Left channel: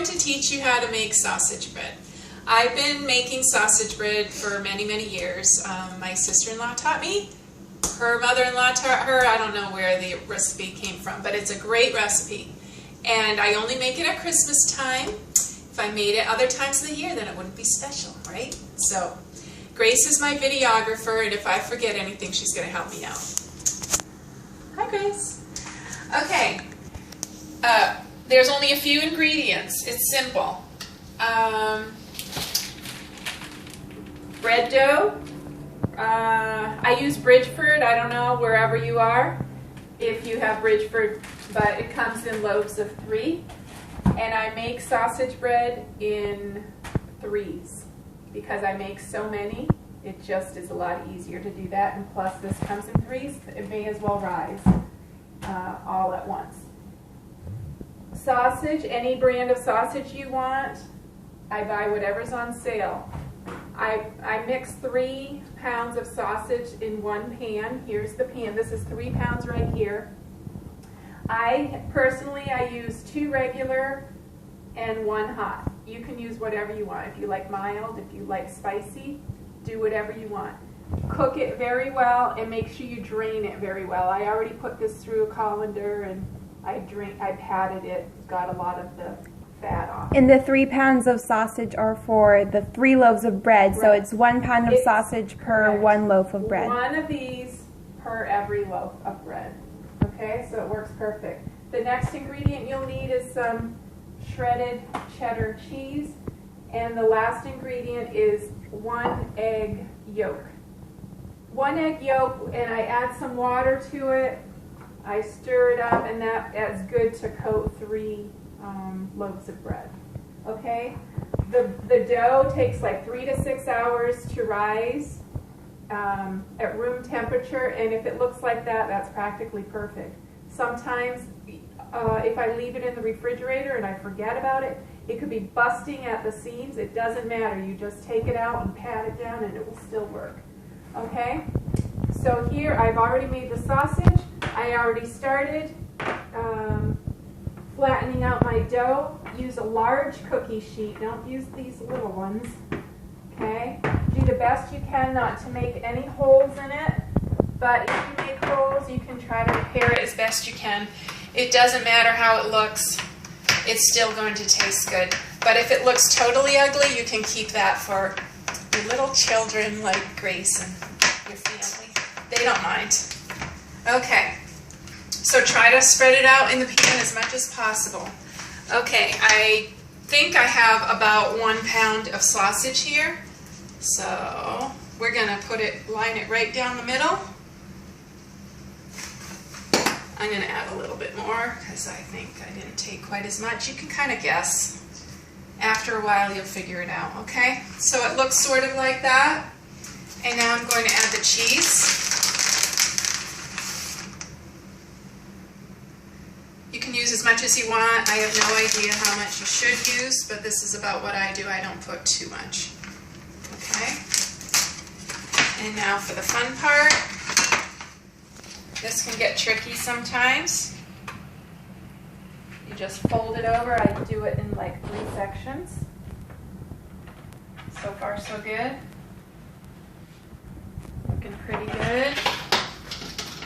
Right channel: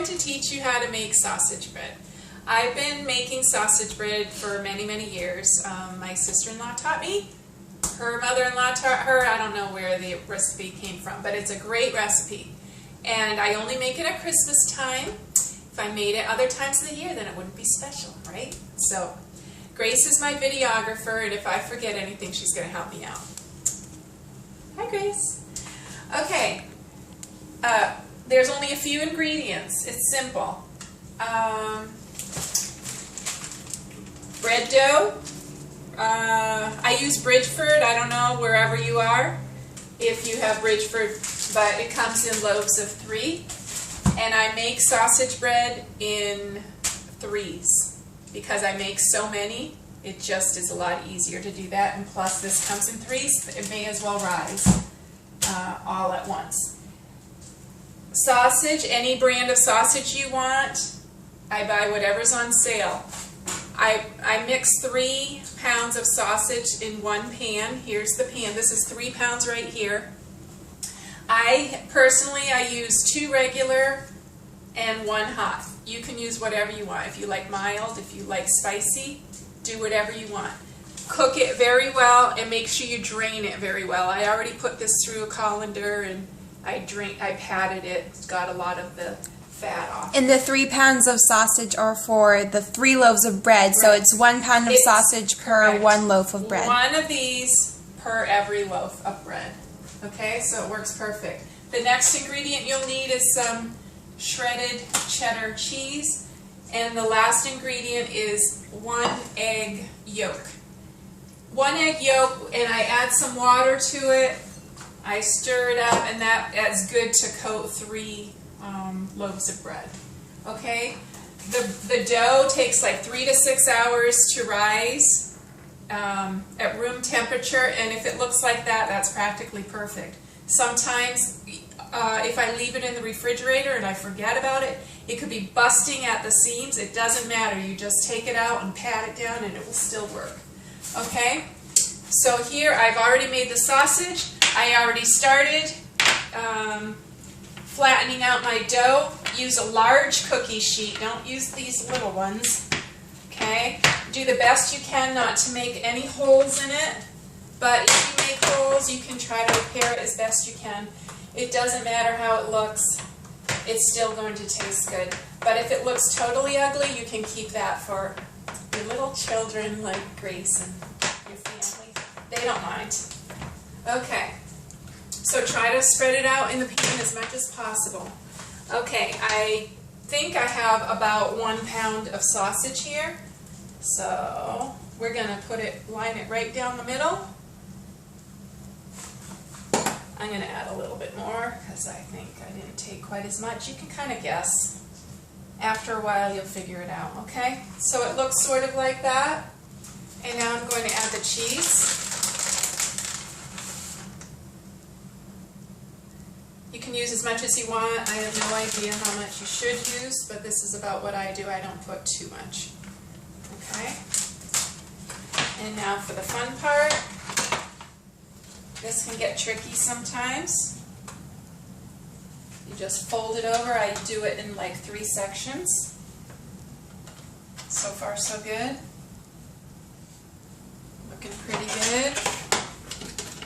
going to teach you how to make sausage bread. I've been making sausage bread for many, many years. My sister-in-law taught me. Her mother-in-law taught her. I don't know where the recipe came from, but it's a great recipe. And I only make it at Christmas time. If I made it other times of the year, then it wouldn't be special, right? So Grace is my videographer, and if I forget anything, she's going to help me out. Hi, Grace. Okay. There's only a few ingredients. It's simple. Bread dough. I use Bridgeford. I don't know wherever you are if you have Bridgeford, but it comes in loaves of 3. And I make sausage bread in 3s because I make so many. It just is a lot easier to do that. And plus, this comes in 3s. It may as well rise all at once. Sausage, any brand of sausage you want. I buy whatever's on sale. I mix 3 pounds of sausage in one pan. Here's the pan. This is 3 pounds right here. I use 2 regular and 1 hot. You can use whatever you want. If you like mild, if you like spicy, do whatever you want. Cook it very well and make sure you drain it very well. I already put this through a colander and I patted it. It's got a lot of the fat off. And the 3 pounds of sausage are for the 3 loaves of bread, right. So it's 1 pound of sausage per correct. 1 loaf of bread. 1 of these per every loaf of bread. Okay, so it works perfect. The next ingredient you'll need is some shredded cheddar cheese, and the last ingredient is 1 egg yolk. 1 egg yolk, and I add some water to it. I stir it up, and that is good to coat 3 loaves of bread. Okay, the dough takes like 3 to 6 hours to rise at room temperature, and if it looks like that, that's practically perfect. Sometimes if I leave it in the refrigerator and I forget about it, it could be busting at the seams. It doesn't matter. You just take it out and pat it down and it will still work. Okay, so here I've already made the sausage. I already started flattening out my dough. Use a large cookie sheet. Don't use these little ones. Okay? Do the best you can not to make any holes in it. But if you make holes, you can try to repair it as best you can. It doesn't matter how it looks. It's still going to taste good. But if it looks totally ugly, you can keep that for your little children like Grace and your family. They don't mind. Okay. So try to spread it out in the pan as much as possible. Okay, I think I have about 1 pound of sausage here. So we're going to line it right down the middle. I'm going to add a little bit more because I think I didn't take quite as much. You can kind of guess. After a while you'll figure it out, okay? So it looks sort of like that. And now I'm going to add the cheese. You can use as much as you want. I have no idea how much you should use, but this is about what I do. I don't put too much. Okay? And now for the fun part. This can get tricky sometimes. You just fold it over. I do it in like 3 sections. So far so good. Looking pretty good.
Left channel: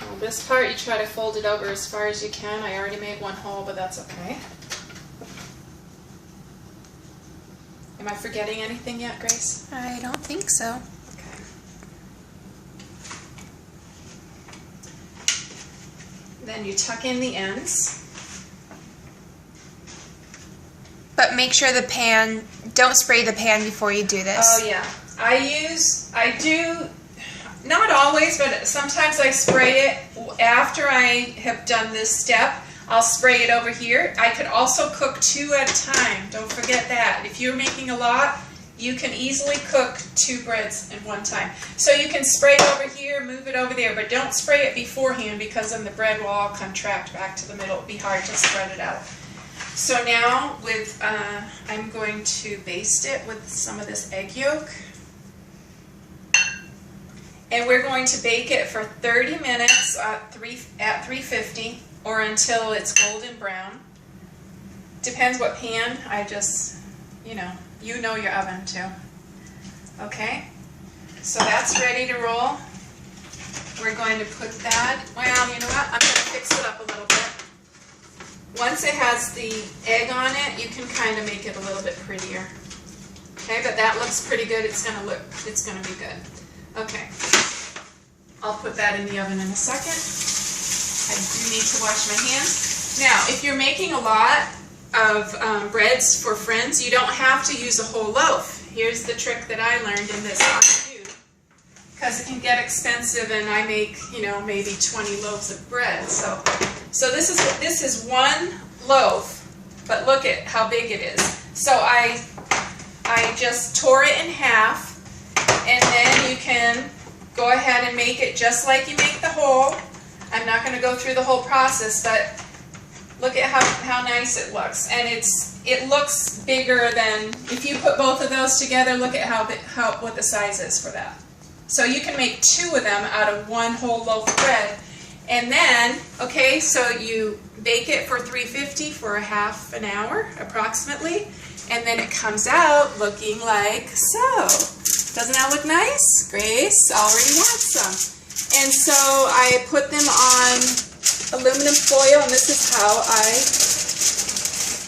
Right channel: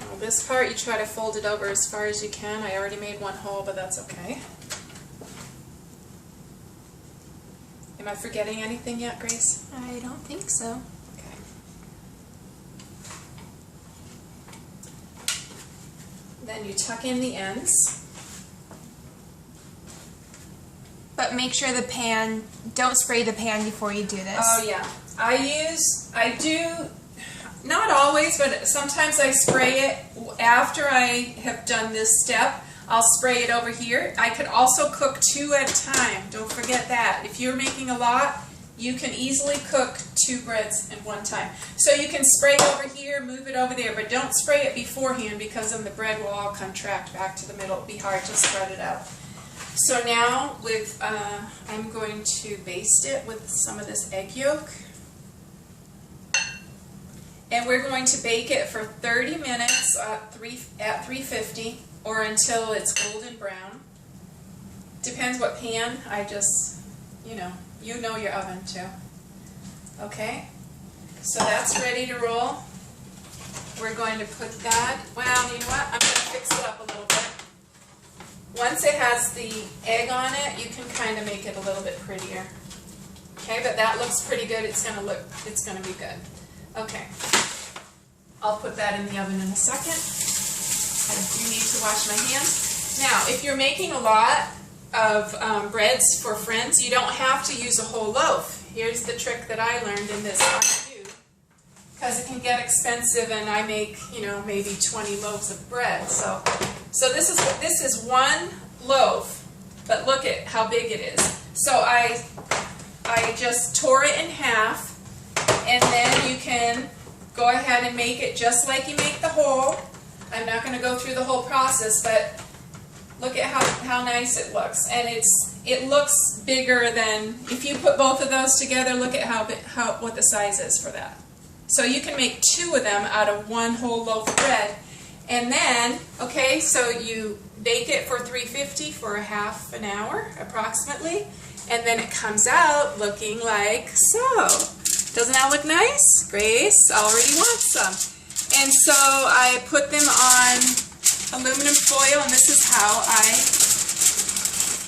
Well, this part you try to fold it over as far as you can. I already made 1 hole, but that's okay. Am I forgetting anything yet, Grace? I don't think so. Okay. Then you tuck in the ends. But make sure the pan, don't spray the pan before you do this. Oh yeah. I do, not always, but sometimes I spray it after I have done this step. I'll spray it over here. I could also cook 2 at a time. Don't forget that. If you're making a lot, you can easily cook 2 breads at one time. So you can spray it over here, move it over there, but don't spray it beforehand because then the bread will all contract back to the middle. It'll be hard to spread it out. So now with, I'm going to baste it with some of this egg yolk. And we're going to bake it for 30 minutes at 350 or until it's golden brown. depends what pan. I just, you know your oven too. Okay, so that's ready to roll. We're going to put that, well, you know what, I'm going to fix it up a little bit. Once it has the egg on it, you can kind of make it a little bit prettier. Okay, but that looks pretty good. It's going to be good. Okay, I'll put that in the oven in a second. I do need to wash my hands. Now, if you're making a lot of breads for friends, you don't have to use a whole loaf. Here's the trick that I learned in this how to do, because it can get expensive, and I make, maybe 20 loaves of bread. So this is one loaf, but look at how big it is. So I just tore it in half, and then you can go ahead and make it just like you make the whole. I'm not going to go through the whole process, but look at how nice it looks. And it looks bigger than, if you put both of those together, look at what the size is for that. So you can make 2 of them out of one whole loaf of bread. And then, okay, so you bake it for 350 for a half an hour approximately, and then it comes out looking like so. Doesn't that look nice? Grace already wants some. And so I put them on aluminum foil, and this is how I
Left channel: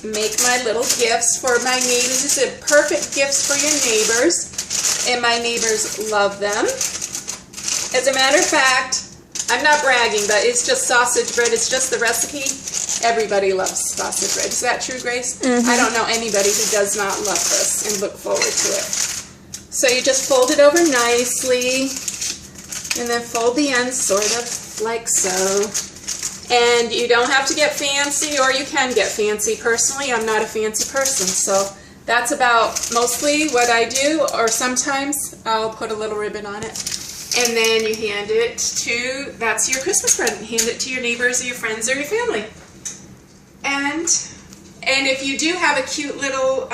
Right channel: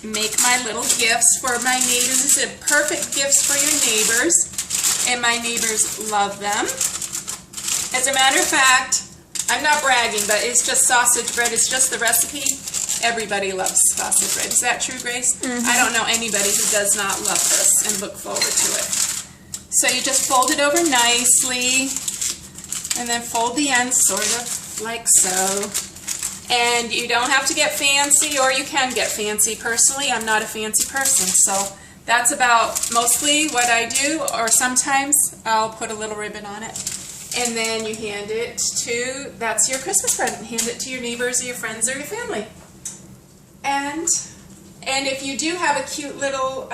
make my little gifts for my neighbors. These are perfect gifts for your neighbors, and my neighbors love them. As a matter of fact, I'm not bragging, but it's just sausage bread. It's just the recipe. Everybody loves sausage bread. Is that true, Grace? Mm-hmm. I don't know anybody who does not love this and look forward to it. So you just fold it over nicely, and then fold the ends sort of like so. And you don't have to get fancy, or you can get fancy. Personally, I'm not a fancy person, so that's about mostly what I do, or sometimes I'll put a little ribbon on it. And then you hand it to, that's your Christmas present. Hand it to your neighbors or your friends or your family. And if you do have a cute little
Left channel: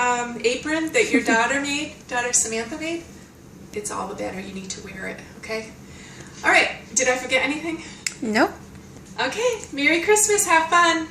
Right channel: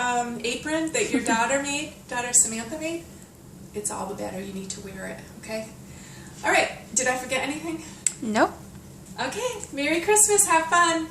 apron that your daughter Samantha made, it's all the better. You need to wear it, okay? All right, did I forget anything? Nope. Okay, Merry Christmas, have fun.